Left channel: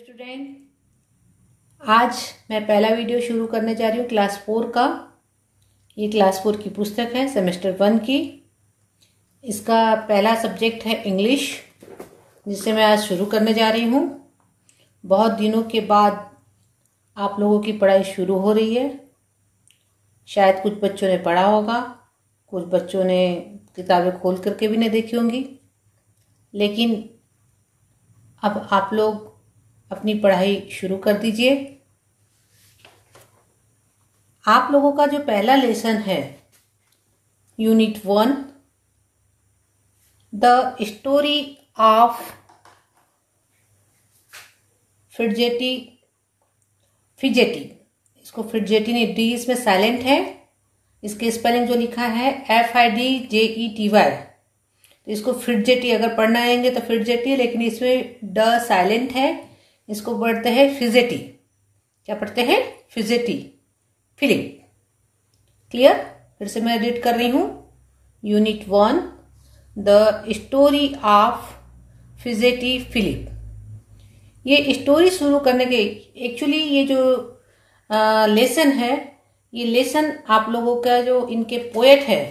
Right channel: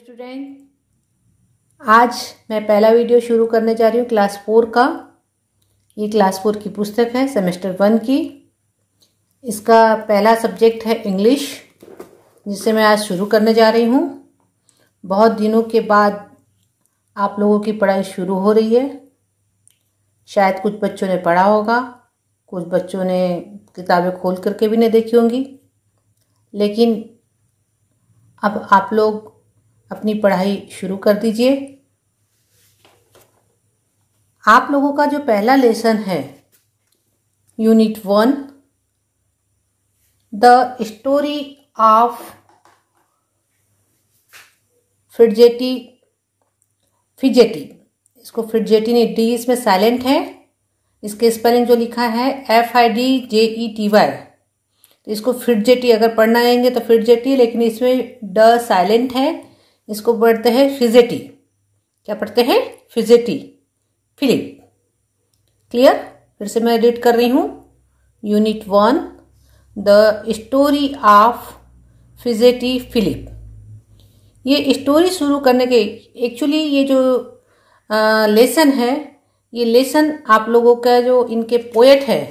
Student, आज मैं पहला वीडियो शुरू करने जा रही हूँ क्लास 4 का। ये क्लास 4 की पुस्तक है सेमेस्टर 1 की। इसका पहला सब्जेक्ट है इंग्लिश, जिसे मैं आज शुरू करने जा रही हूँ। बहुत दिनों के बाद आप लोगों की पढ़ाई शुरू हो रही है। शायद कुछ बच्चों ने पढ़ा होगा, कुछ बच्चों ने किताबें खोल करके भी नहीं देखी होंगी, लेकिन अब आप लोग अपनी पढ़ाई शुरू कर दीजिए। आप लोगों का जो पहला लेसन है यूनिट 1, द स्टोरी ऑफ फिडजेटी। इसको फिडजेटी ने डी इसमें साइलेंट है। इसके स्पेलिंग जो लिखा है FIDJETY, तो इसको फिडजेटी अगर पढ़ना आएंगे तो फिडजेटी, लेकिन इसमें ड साइलेंट है। इसको पढ़ते हैं फिजेटी। क्या पढ़ते हैं? Fidgety, Philip. क्लियर? फिर से मैं रीड कर रही हूं। Unit 1, the story of fidgety Philip. ये स्टोरी शुरू करने के एक्चुअली ये जो लेसन है, ये लेसन आप लोगों का जो इनके पोएट है,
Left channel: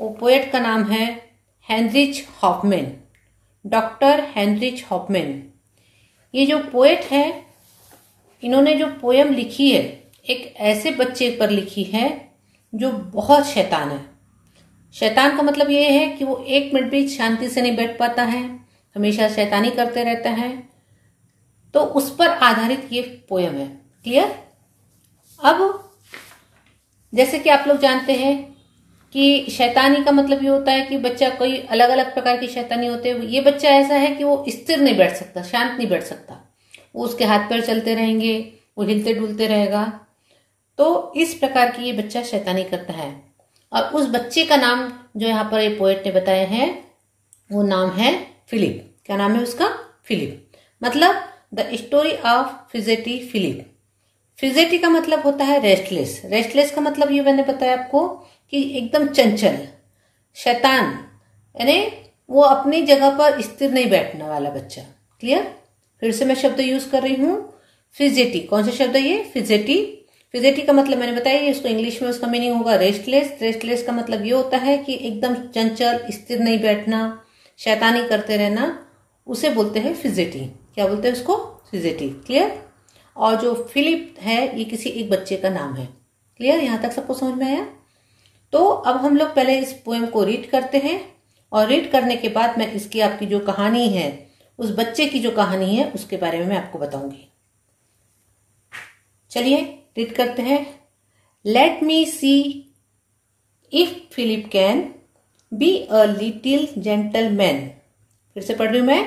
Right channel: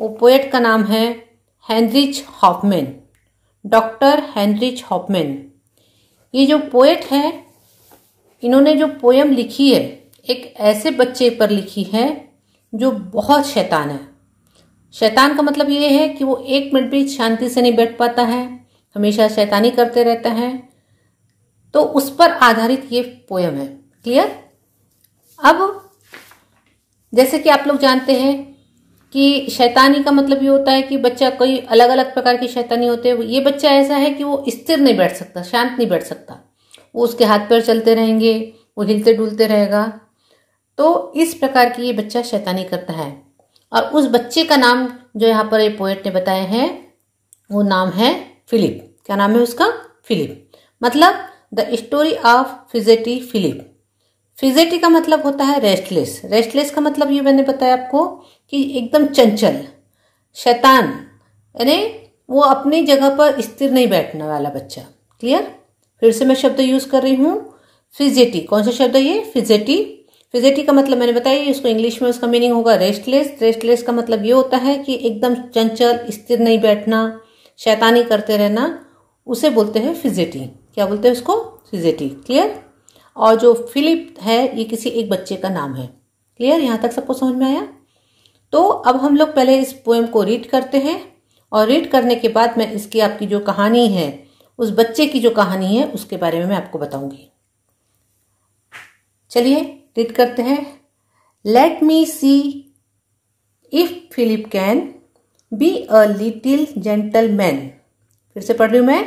वो पोएट का नाम है Heinrich Hoffmann, doctor Heinrich Hoffmann. ये जो पोएट है, इन्होंने जो पोयम लिखी है एक ऐसे बच्चे पर लिखी है जो बहुत शैतान है। शैतान का मतलब ये है कि वो एक मिनट भी शांति से नहीं बैठ पाता है, हमेशा शैतानी करते रहता है। तो उस पर आधारित ये पोयम है। क्लियर? अब जैसे कि आप लोग जानते हैं कि शैतानी का मतलब ये होता है कि बच्चा कोई अलग अलग प्रकार की शैतानी होते हैं। ये बच्चा ऐसा है कि वो स्थिर नहीं बैठ सकता, शांत नहीं बैठ सकता। वो उसके हाथ पैर चलते रहेंगे, वो हिलते डुलते रहेगा। तो इस प्रकार की ये बच्चा शैतानी करता है। और उस बच्चे का नाम जो यहाँ पर ये पोएट ने बताया है, वो नाम है फिलिप। क्या नाम है उसका? फिलिप। मतलब the story of fidgety Philip. Fidgety का मतलब होता है रेस्टलेस। रेस्टलेस का मतलब ये मैंने बताया आपको कि एकदम चंचल, शैतान, यानी वो अपनी जगह पर स्थिर नहीं बैठने वाला बच्चा। क्लियर? फिर से मैं शब्द यूज कर रही हूं, फिजेटी। कौन सा शब्द है ये? फिजेटी। फिजेटी का मतलब मैंने बताया, इसको इंग्लिश में उसका मीनिंग होगा रेस्टलेस। रेस्टलेस का मतलब ये होता है कि एकदम चंचल, स्थिर नहीं बैठना, शैतानी करते रहना, उसे बोलते हैं फिजेटी। क्या बोलते हैं उसको? फिजेटी। क्लियर? और जो फिलिप है, ये किसी एक बच्चे का नाम है। क्लियर? यहां तक सबको समझ में आया? तो अब हम लोग पहले इस पोएम को रीड करते हैं, और रीड करने के बाद मैं इसकी आपकी जो कहानी है, उस बच्चे की जो कहानी है, उसके बारे में मैं आपको बताऊंगी। चलिए रीड करते हैं। Let me see if Philip can be a little gentleman. फिर से पढ़ रही हूं मैं।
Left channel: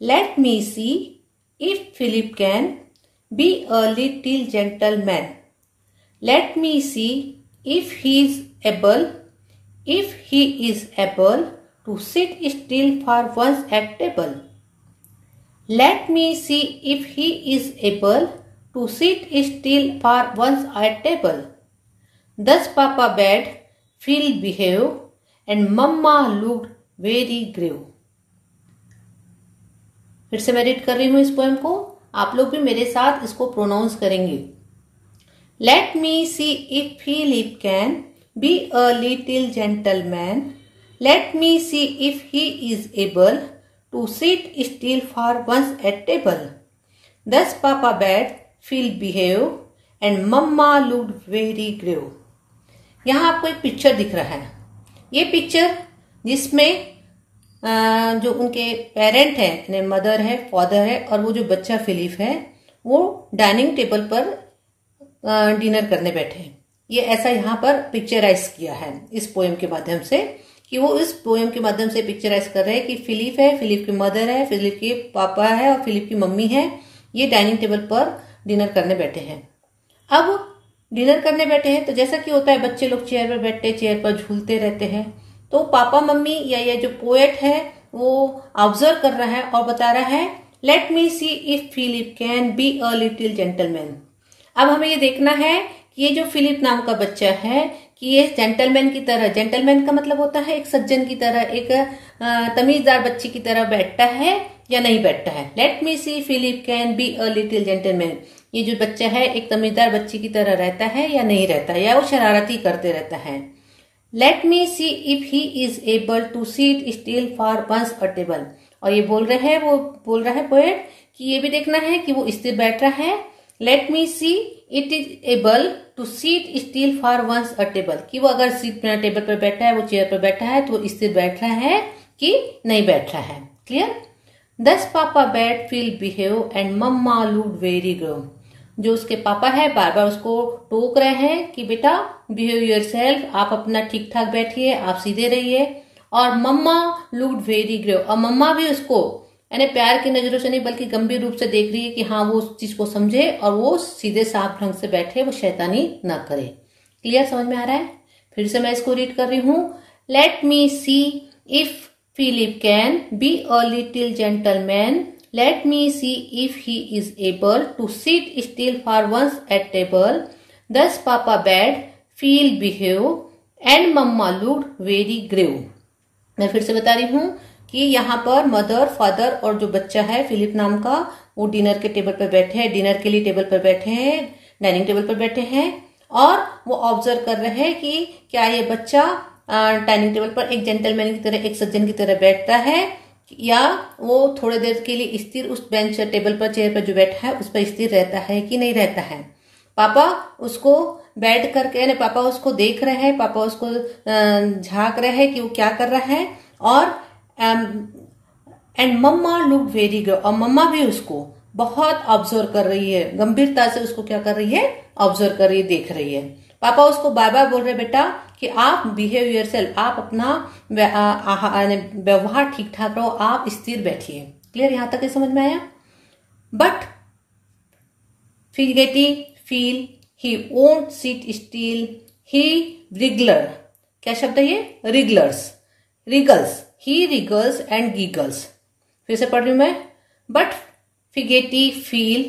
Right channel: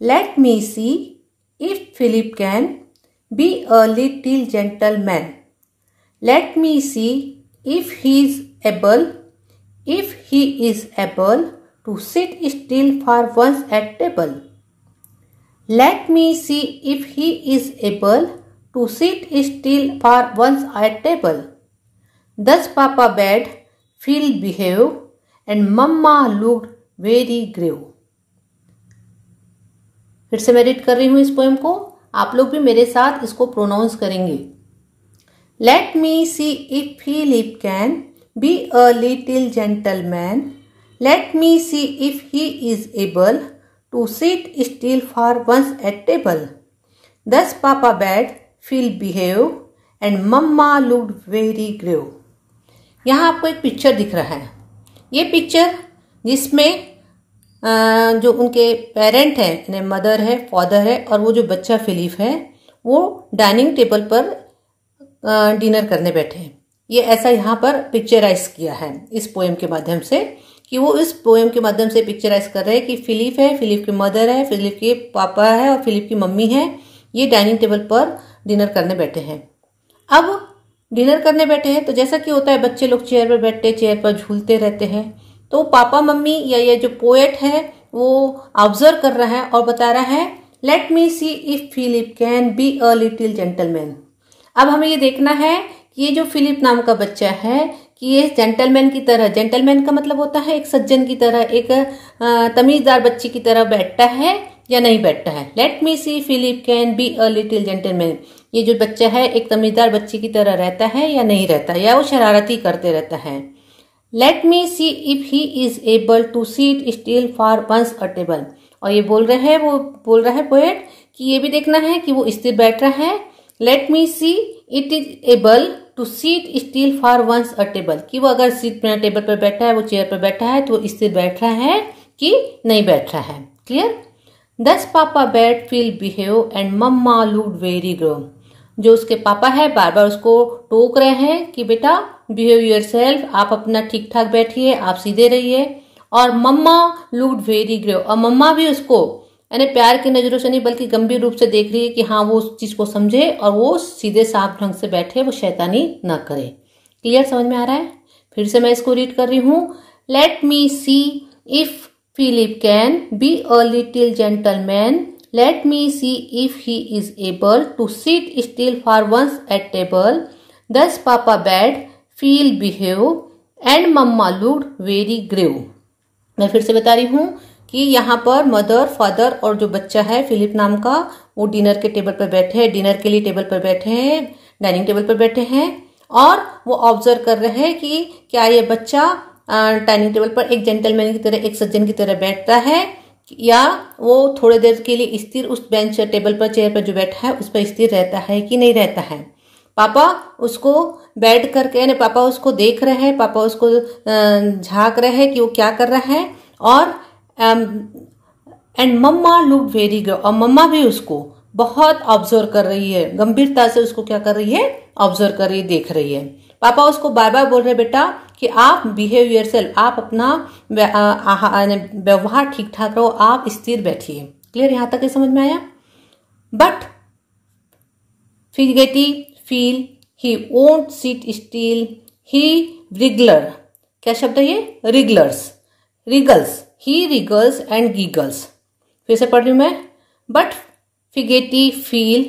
Let me see if Philip can be a little gentleman. Let me see if he is able to sit still for once at table. Let me see if he is able to sit still for once at table. Thus Papa bade Phil behave, and Mama looked very grave. फिर से मैं read कर रही हूं इस poem को। आप लोग भी मेरे साथ इसको प्रोनाउंस करेंगे। Let me see if Philip can be a little gentleman. Let me see if he is able to sit still for once at table. Thus papa bade Phil behave, and mamma looked very grave. यहाँ आपको एक picture दिख रहा है। ये picture जिसमें जो उनके पेरेंट है, यानी मदर है, फादर है, और वो जो बच्चा फिलिप है, वो डाइनिंग टेबल पर डिनर करने बैठे हैं। ये ऐसा यहाँ पर पिक्चराइज किया है इस पोएम के माध्यम से, कि वो इस पोएम के माध्यम से पिक्चराइज कर रहे हैं कि फिलिप है, फिलिप की मदर है, फिलिप के पापा है और फिलिप की मम्मी है। ये डाइनिंग टेबल पर डिनर करने बैठे हैं। अब डिनर करने बैठे हैं तो जैसा कि होता है, बच्चे लोग चेयर पर बैठते, चेयर पर झूलते रहते हैं। तो पापा मम्मी या ये जो पोएट है, वो ऑब्जर्व कर रहा है और बता रहा है, let me see if Philip can be a little gentleman. अब हमें ये देखना है कि ये जो फिलिप नाम का बच्चा है, कि ये जेंटलमैन की तरह, जेंटलमैन का मतलब होता है एक सज्जन की तरह, एक तमीजदार बच्चे की तरह बैठता है या नहीं बैठता है। Let me see Philip can be a little gentleman, ये जो बच्चा है एक तमीजदार बच्चे की तरह रहता है या नहीं रहता, या वो शरारती करते रहता है। Let me see if he is able to seat still for once a table, और ये बोल रहे हैं, वो बोल रहा है पोएट कि ये भी देखना है कि वो स्थिर बैठ रहा है। Let me see it is able to seat still for once a table, कि वो अगर सीट में टेबल पर बैठा है, वो चेयर पर बैठा है, तो वो स्थिर बैठ रहा है कि नहीं बैठ रहा है। Clear. Thus papa bade feel behave and mamma look very grow, जो उसके पापा है बार बार उसको टोक रहे हैं कि बेटा बिहेव योरसेल्फ, आप अपना ठीक ठाक बैठिए, आप सीधे रहिए। और मम्मा लुक्ड वेरी ग्रेव, और मम्मा भी उसको यानी प्यार की नजरों से नहीं बल्कि गंभीर रूप से देख रही है कि हाँ वो उस चीज को समझे और वो सीधे साफ ढंग से बैठे, वो शैतानी ना करे। क्लियर, समझ में आ रहा है? फिर से मैं इसको रीड कर रही हूँ। Let me see if Philip can be a little gentleman, let me see if he is able to sit still for once at table, thus papa bade feel behave and mamma looked very grave. मैं फिर से बता रही हूं कि यहाँ पर mother, father और जो बच्चा है फिलिप नाम का, वो डिनर के टेबल पर बैठे हैं, डिनर के लिए टेबल पर बैठे हैं, डाइनिंग टेबल पर बैठे हैं, और वो ऑब्जर्व कर रहे हैं कि क्या ये बच्चा डाइनिंग टेबल पर एक जेंटलमैन की तरह, एक सज्जन की तरह बैठता है, या वो थोड़ी देर के लिए स्थिर उस बेंच टेबल पर, चेयर पर जो बैठा है उस पर स्थिर रहता है कि नहीं रहता है। पापा उसको बैठ करके, यानी पापा उसको देख रहे हैं, पापा उसको झांक रहे हैं कि वो क्या कर रहा है। और and mamma look very grave, और मम्मा भी उसको बहुत ऑब्जर्व कर रही है, गंभीरता से उसको क्या कर रही है, ऑब्जर्व कर रही है, देख रही है। पापा उसको बार बार बोल रहे बेटा कि आप बिहेव योरसेल्फ, आप अपना व्यवहार ठीक ठाक रहो, आप स्थिर बैठिए। क्लियर, यहां तक समझ में आया? But fidgety Phil he won't sit still, he wriggler, क्या शब्द है ये? Wrigglers, wriggles, he wriggles and giggles. फिर से पढ़ रही हूं मैं। But fidgety Phil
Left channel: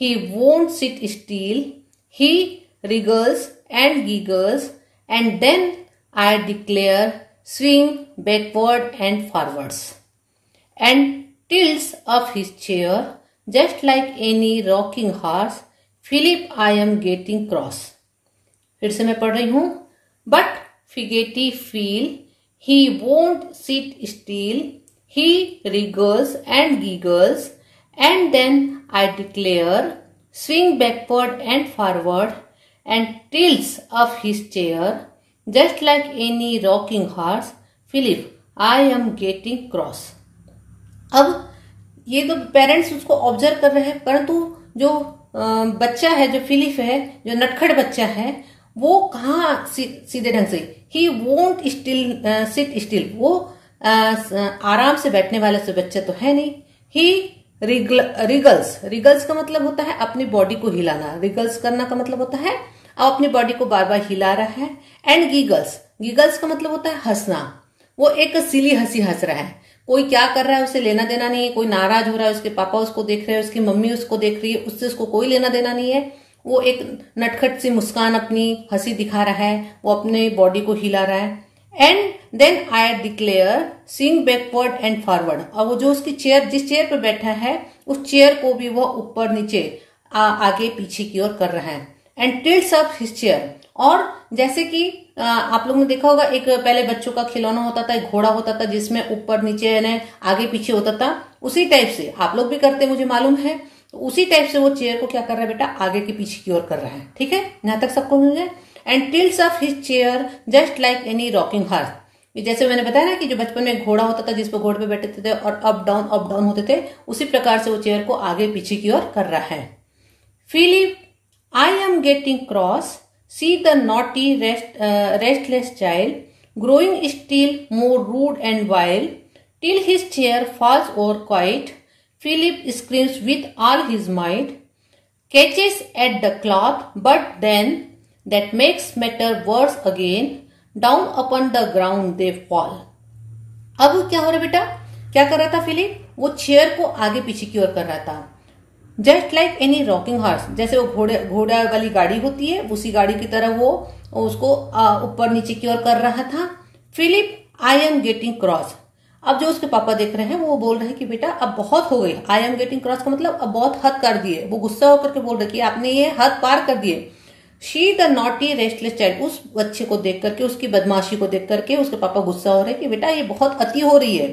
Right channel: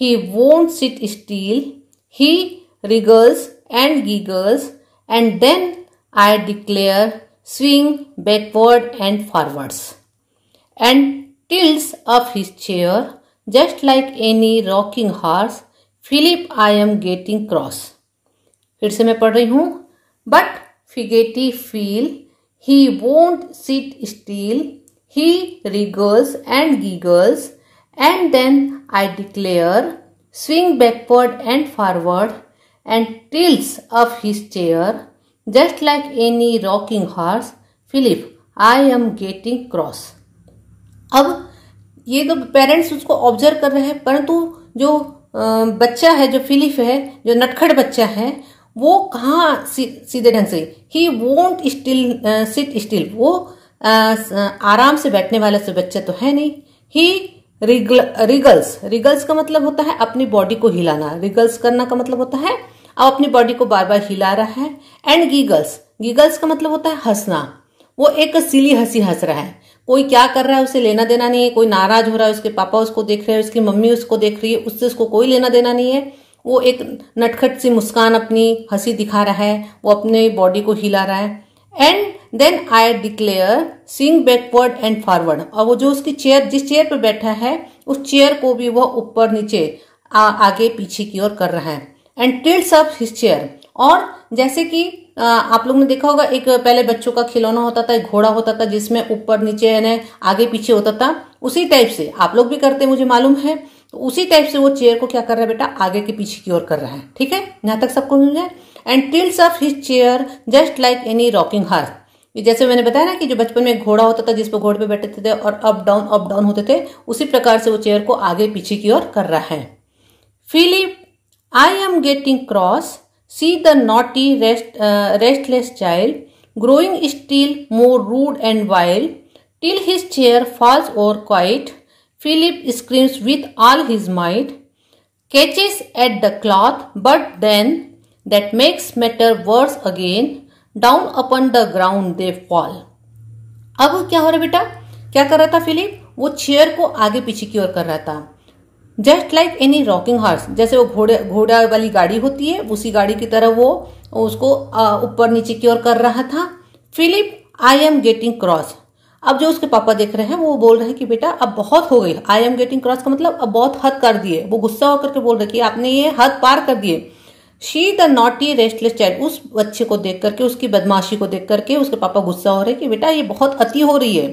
he won't sit still, he wriggles and giggles, and then I declare swing backward and forwards and tilts up his chair just like any rocking horse. Philip, I am getting cross. फिर से मैं पढ़ रही हूं। But Figety feel he won't sit still, he wriggles and giggles, and then I declare swing backward and forward and tilts up his chair just like any rocking horse. Philip, I am getting cross. अब ये तो parents उसको observe कर रहे हैं, परंतु जो बच्चा है, जो फिलिप है, जो नटखट बच्चा है, वो कहाँ सीधे ढंग से, he won't still seat still, वो आराम से बैठने वाला से बच्चा तो है नहीं। ही रिगल्स, रिगल्स का मतलब होता है अपनी बॉडी को हिलाना, रिगल्स करना का मतलब होता है अब अपनी बॉडी को बार बार हिला रहा है। एंड गीगल्स, गीगल्स का मतलब होता है हंसना, वो एक सिली हंसी हंस रहा है, कोई क्या कर रहा है उसे लेना देना नहीं है, कोई नाराज हो रहा है, उसके पापा उसको देख रहे हैं, उसकी मम्मी उसको देख रही है, उससे उसको कोई लेना देना नहीं है, वो एक नटखट सी मुस्कान, अपनी हंसी दिखा रहा है, वो अपने बॉडी को हिला रहा है। And then I declare swing backward and forward, और वो जो उसकी चेयर, जिस चेयर पर बैठा है, उस चेयर को भी वो ऊपर नीचे आगे पीछे की ओर कर रहा है। And tilts up his chair, और जैसे कि आप लोगों ने देखा होगा, एक पहले बच्चों का खिलौना होता था, एक घोड़ा होता था जिसमें ऊपर नीचे यानी आगे पीछे होता था, उसी टाइप से आप लोग भी करते हैं मुझे मालूम है, तो उसी टाइप से वो चेयर को क्या कर रहा है बेटा, आगे की पीछे की ओर कर रहा है। ठीक है, यहां तक सबको मिल जाए। And tilts up his chair just like any rocking horse, जैसे मैंने बताया ना कि जो बचपन में घोड़ा होता था जिस पर घोड़े पे बैठे थे और अप डाउन होते थे, उसी प्रकार से वो चेयर को आगे पीछे की ओर कर रहा है। Philip, I am getting cross. See the naughty, restless child, growing still more rude and wild, till his chair falls over quiet. Philip screams with all his might, catches at the cloth, but then that makes matter worse again. Down upon the ground they fall. अब क्या हो रहा है बेटा, क्या कर रहा था फिलिप, वो चेयर को आगे पीछे की ओर कर रहा था। Just like any rocking horse, जैसे वो घोड़ा वाली गाड़ी होती है उसी गाड़ी की तरह वो उसको ऊपर नीचे की ओर कर रहा था। Philip, I am getting cross. अब जो उसके पापा देख रहे हैं वो बोल रहे हैं कि बेटा अब बहुत हो गई। आई एम गेटिंग क्रॉस का मतलब अब बहुत हद कर दिए। वो गुस्सा होकर के बोल रहे कि आपने ये हद पार कर दिए। She the naughty restless child, उस बच्चे को देख करके, उसकी बदमाशी को देख करके उसके पापा गुस्सा हो रहे कि बेटा ये बहुत अति हो रही है।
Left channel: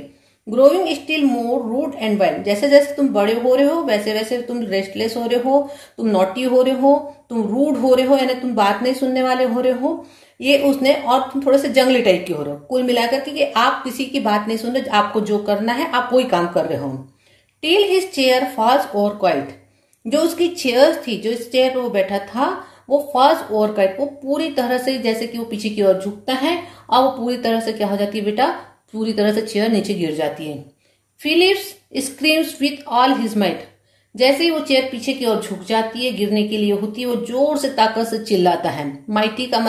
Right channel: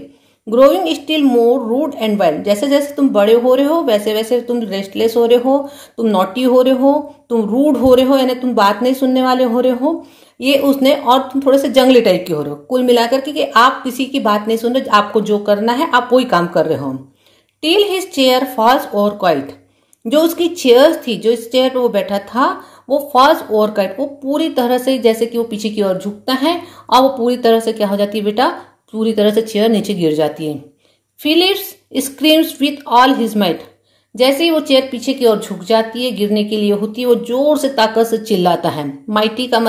Growing still more rude and wild, जैसे जैसे तुम बड़े हो रहे हो वैसे वैसे तुम रेस्टलेस हो रहे हो, तुम नॉटी हो रहे हो, तुम रूड हो रहे हो, यानी तुम बात नहीं सुनने वाले हो रहे हो, ये उसने, और तुम थोड़े से जंगली टाइप के हो रहे हो। कुल मिलाकर के कि आप किसी की बात नहीं सुन रहे, आपको जो करना है आप वही काम कर रहे हो। Till his chair falls over quite, जो उसकी चेयर थी, जो इस चेयर पर वो बैठा था वो फॉल्स ओवर क्वाइट, वो पूरी तरह से जैसे कि वो पीछे की ओर झुकता है और वो पूरी तरह से क्या हो जाती है बेटा, पूरी तरह से चेयर नीचे गिर जाती है। Philips screams with all his might, जैसे ही वो चेयर पीछे की ओर झुक जाती है, गिरने के लिए होती है, वो जोर से ताकत से चिल्लाता है। माइट का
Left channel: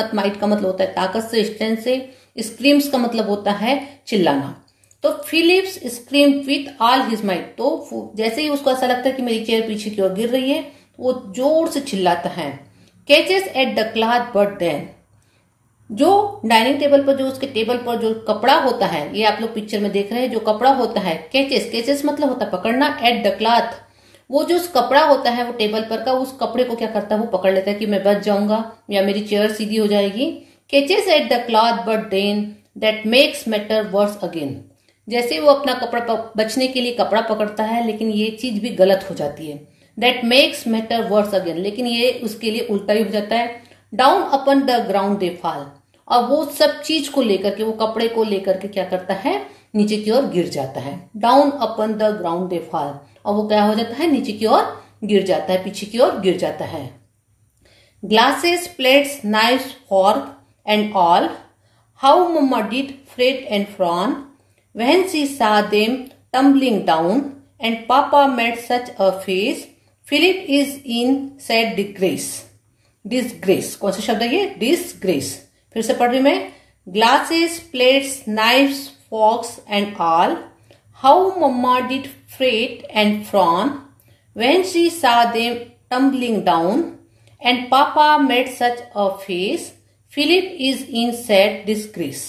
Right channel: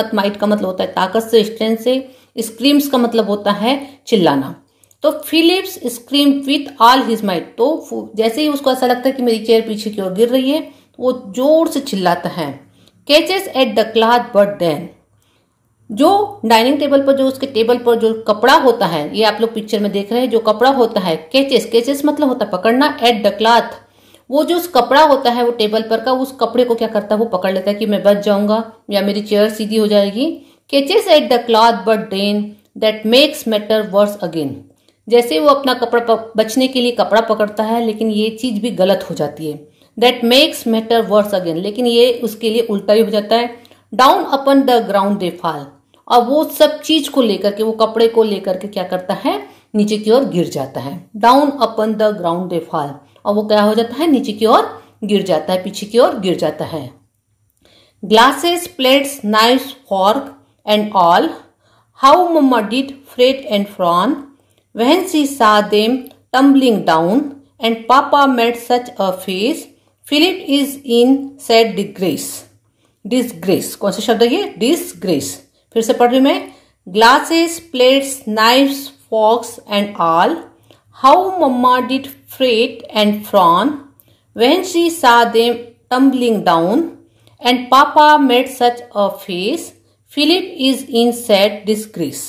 मतलब होता है ताकत से, स्ट्रेंथ से। स्क्रीम्स का मतलब होता है चिल्लाना। तो Philips scream with all his might, तो जैसे ही उसको ऐसा लगता है कि मेरी चेयर पीछे की ओर गिर रही है वो जोर से चिल्लाता है। Catches at the cloth but then, जो डाइनिंग टेबल पर, जो उसके टेबल पर जो कपड़ा होता है, ये आप लोग पिक्चर में देख रहे हैं, जो कपड़ा होता है, कैचेस मतलब होता है पकड़ना, एट द क्लॉथ, वो जो उस कपड़ा होता है वो टेबल पर का, उस कपड़े को क्या करता है वो पकड़ लेता है कि मैं बच जाऊंगा या मेरी चेयर सीधी हो जाएगी। Catches at the cloth but then that makes matter worse again, जैसे वो अपना कपड़ा बचने के लिए कपड़ा पकड़ता है लेकिन ये चीज भी गलत हो जाती है। That makes matter worse again, लेकिन ये उसके लिए उल्टा ही हो जाता है। Down upon the ground they fall, और वो सब चीज को लेकर के, वो कपड़े को लेकर के क्या करता है, नीचे की ओर गिर जाता है। Down upon the ground they fall, और वो क्या हो जाता है, नीचे की ओर गिर जाता है, पीछे की ओर गिर जाता है। Glasses, plates, knives, fork and all, how mamma did fret and frown when she saw them tumbling down and papa made such a face, Philip is in sad disgrace. कौन सा शब्द है ये, डिसग्रेस। फिर से पढ़ रही मैं। Glasses, plates, knives, forks and all, how mamma did fret and frown when she saw them tumbling down and papa made such a face, Philip is in sad disgrace।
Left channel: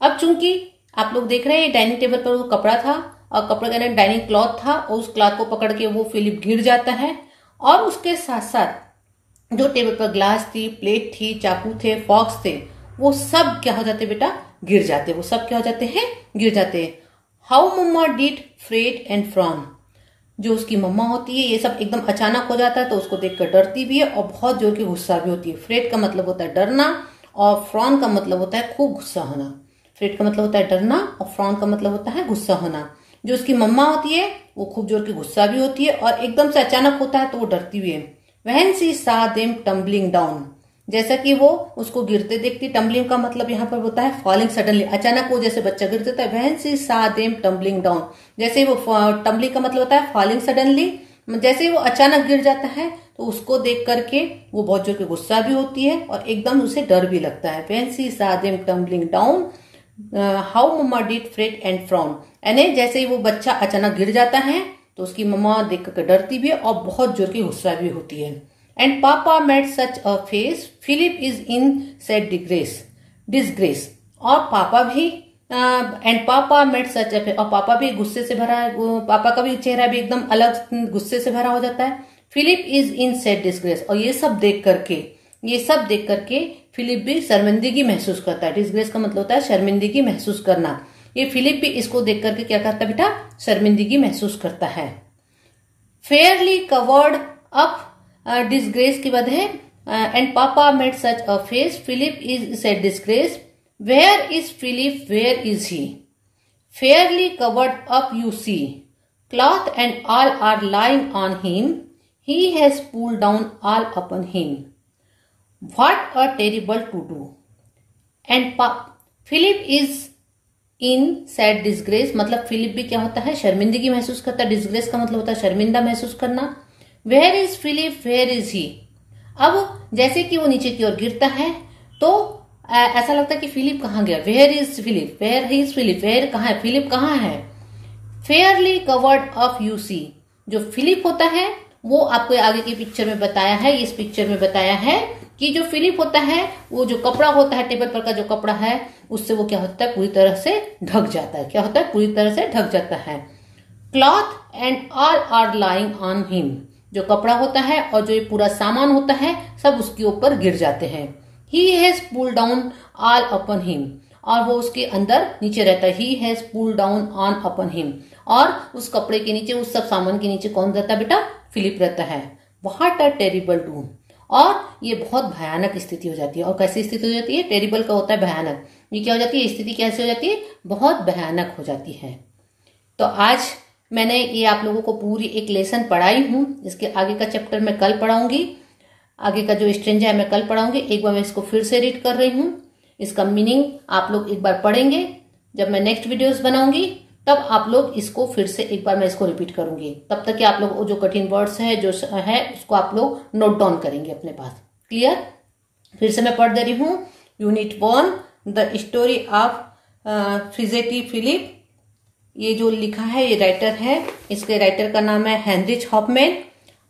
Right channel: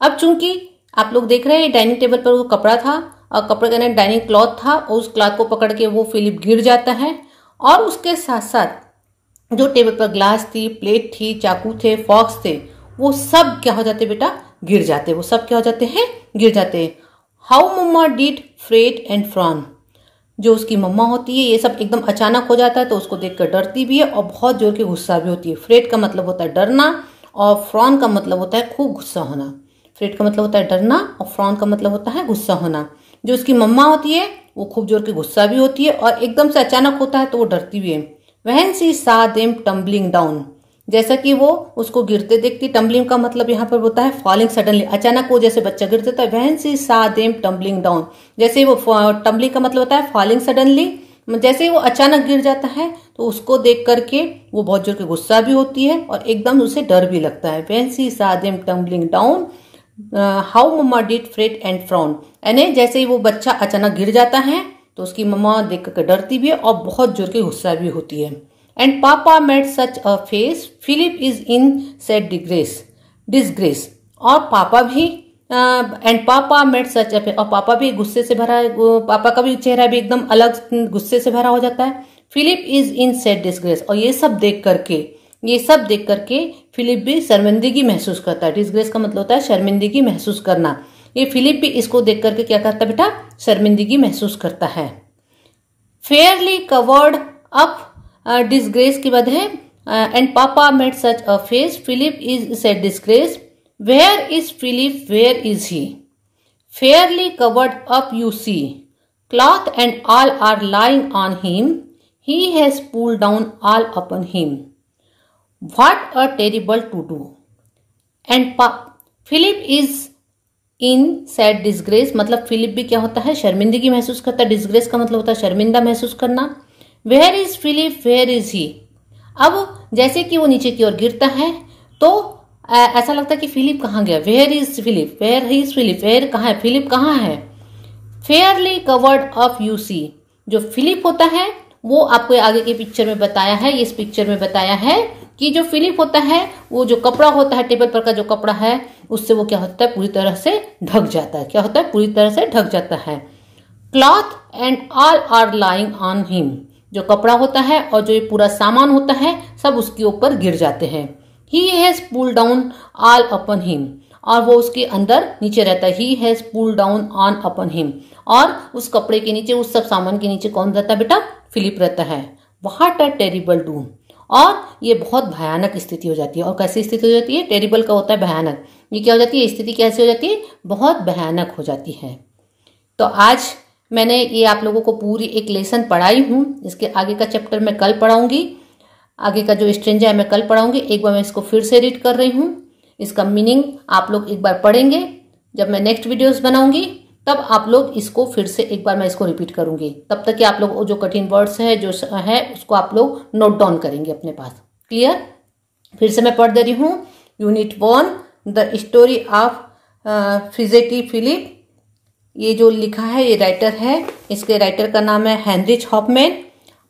अब चूंकि आप लोग देख रहे हैं डाइनिंग टेबल पर वो कपड़ा था और कपड़े का डाइनिंग क्लॉथ था और उस क्लॉथ को पकड़ के वो फिलिप गिर जाता है, और उसके साथ साथ जो टेबल पर ग्लास थी, प्लेट थी, चाकू थे, फॉक्स थे, वो सब क्या हो जाते बेटा, गिर जाते। वो सब क्या हो जाते हैं, गिर जाते। How mamma did fret and frown, जो उसकी मम्मा होती है ये सब एकदम अचानक हो जाता है तो उसको देखकर डरती भी है और बहुत जोर के गुस्सा भी होती है। फ्रेट का मतलब होता है डरना और फ्रॉन का मतलब होता है खूब गुस्सा होना। फ्रेट का मतलब होता है डरना और फ्रॉन का मतलब होता है गुस्सा होना। जो उसकी मम्मा होती है वो खूब जोर के गुस्सा भी होती है और एकदम से अचानक होता है तो वो डरती भी है। When she saw them tumbling down, जैसा कि वो उसको गिरते देखती। टम्बलिंग का मतलब यहाँ पर होता है फॉलिंग सडनली, अचानक वो जैसे बच्चा गिर जाता है। When she saw them tumbling down, जैसे वो टम्बलिंग का मतलब होता है फॉलिंग सडनली, जैसे वो अचानक गिर जाता है तो उसको देख करके वो बहुत जोर के गुस्सा भी होती है और एकदम उसे डर भी लगता है। When she saw them tumbling down, how mamma did fret and frown, यानी जैसे ही वो बच्चा अचानक गिर जाता है तो उसकी मम्मा देख करके डरती भी है और बहुत जोर के गुस्सा भी होती है। And papa made such a face, Philip is in sad disgrace, और पापा भी and papa made such a face, और पापा भी गुस्से से भरा, पापा का भी चेहरा भी एकदम अलग गुस्से से भरा हो जाता है। Philip is in sad disgrace, और ये सब देख करके फिलिप भी शर्मिंदगी महसूस करता है। डिसग्रेस का मतलब होता है शर्मिंदगी महसूस करना। ये फिलिप भी इसको देख करके क्या करता है बेटा, शर्मिंदगी महसूस करता है। फेयरली कवर्ड अप, डिसग्रेस के बाद है and papa made such a face, Philip is sad disgrace, where is Philip, where is he, fairly covered up you see, cloth and all are lying on him, he has pulled down all upon him, what a terrible to do, and Philip is in sad disgrace, मतलब Philip भी क्या होता है, शर्मिंदगी महसूस करता है। Disgrace का मतलब होता है शर्मिंदा महसूस करना। Where is Philip, where is he, अब जैसे कि वो नीचे की ओर गिरता है तो ऐसा लगता है कि फिलिप कहाँ गया। Where is Philip, where is Philip, where कहाँ है, फिलिप कहाँ है। Fairly covered up you see, जो फिलिप होता है वो आपको आगे की पिक्चर में बताया है। इस पिक्चर में बताया है कि जो फिलिप होता है वो जो कपड़ा होता है, टेबल पर का जो कपड़ा है, उससे वो क्या होता है, पूरी तरह से ढक जाता है। क्या होता है, पूरी तरह से ढक जाता है। Cloth and all are lying on him, जो कपड़ा होता है और जो ये पूरा सामान होता है सब उसके ऊपर गिर जाते हैं। ही has pulled down all upon him, और वो उसके अंदर नीचे रहता है। ही has pulled down on upon him, और उस कपड़े के नीचे, उस सब सामान के नीचे कौन रहता है बेटा, फिलिप रहता है। व्हाट अ टेरिबल डूम, और ये बहुत भयानक स्थिति हो जाती है। और कैसी स्थिति हो जाती है, टेरिबल का होता है भयानक। ये क्या हो जाती है, स्थिति कैसे हो जाती है, बहुत भयानक हो जाती है। तो आज मैंने ये आप लोगों को पूरी एक लेसन पढ़ाई हूं। इसके आगे का चैप्टर मैं कल पढ़ाऊंगी। आगे का जो स्ट्रेंजा है मैं कल पढ़ाऊंगी। एक बार मैं इसको फिर से रीड कर रही हूं। इसका मीनिंग आप लोग एक बार पढ़ेंगे। जब मैं नेक्स्ट वीडियोस बनाऊंगी तब आप लोग इसको फिर से एक बार मैं इसको रिपीट करूंगी। तब तक कि आप लोग जो कठिन वर्ड्स है जो है उसको आप लोग नोट डाउन करेंगे अपने पास। क्लियर? फिर से मैं पढ़ दे रही हूं। Unit 1, the story of fidgety Philip. ये जो लिखा है ये राइटर है, इसके राइटर का नाम है हेनरिच हॉफमैन।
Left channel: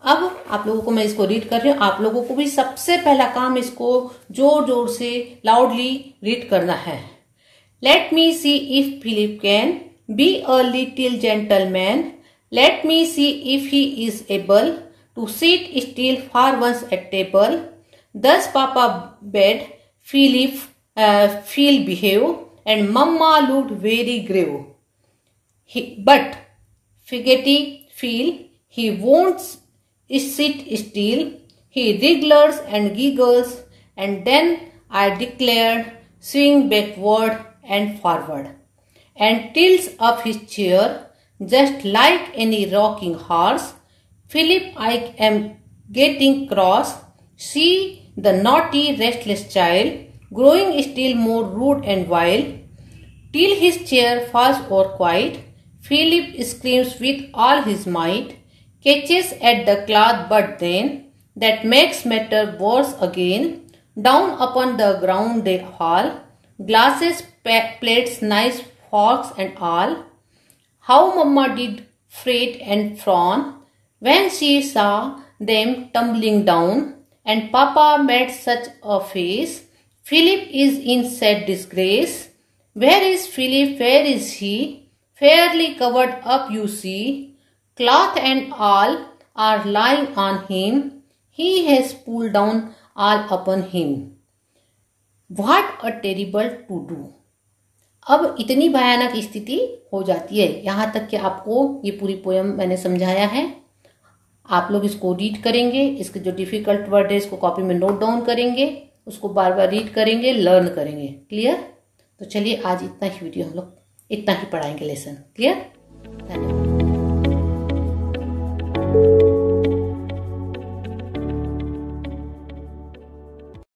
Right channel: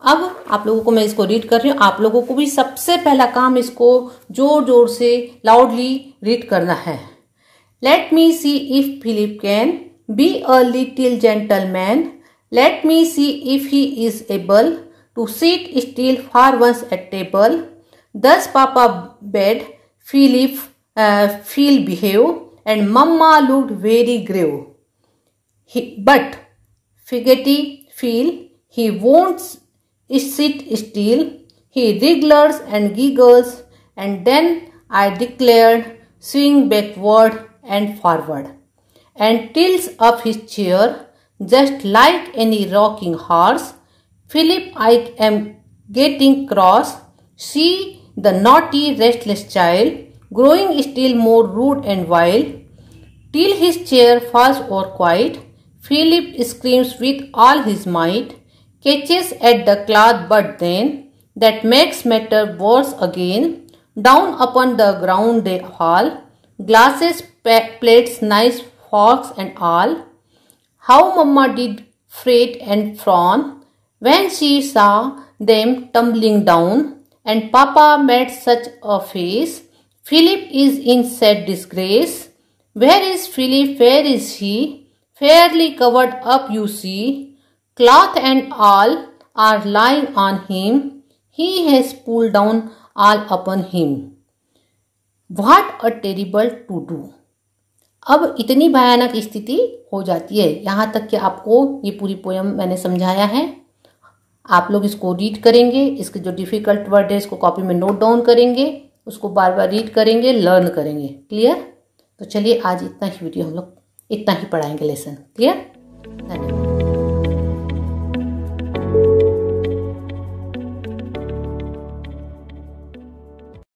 अब आप लोगों को मैं इसको रीड कर रही हूँ। आप लोगों को भी सबसे पहला काम इसको जोर जोर से लाउडली रीड करना है। Let me see if Philip can be a little gentleman. Let me see if he is able to sit still for once at table. Thus Papa bade Philip Phil behave, and Mamma looked very grave. But Figgety Phil, he won't sit still. He wriggles and giggles, and then I declared, swing backward and forward, and tilts up his chair, just like any rocking horse. Philip, I am getting cross. See the naughty, restless child, growing still more rude and wild, till his chair falls over quiet. Philip screams with all his might, catches at the cloth, but then that makes matter worse again. Down upon the ground they fall, glasses, plates, knives, forks, and all. How Mamma did fret and frown when she saw them tumbling down. And Papa made such a face. Philip is in sad disgrace. Where is Philip? Where is he? Fairly covered up, you see. Cloth and all are lying on him. He has pulled down all upon him. What a terrible to do. अब इतनी भयानक स्थिति हो जाती है। यहाँ तक कि आपको ये पूरी पोयम मैंने समझाया है। आप लोग इसको रीड करेंगे, इसके जो डिफिकल्ट वर्ड है इसको कॉपी में नोट डाउन करेंगे, उसको बार बार रीड करेंगे, लर्न करेंगे। क्लियर? तो चलिए आज इतना ही वीडियो हम लोग इतना ही पढ़ाएंगे लेसन। क्लियर? धन्यवाद।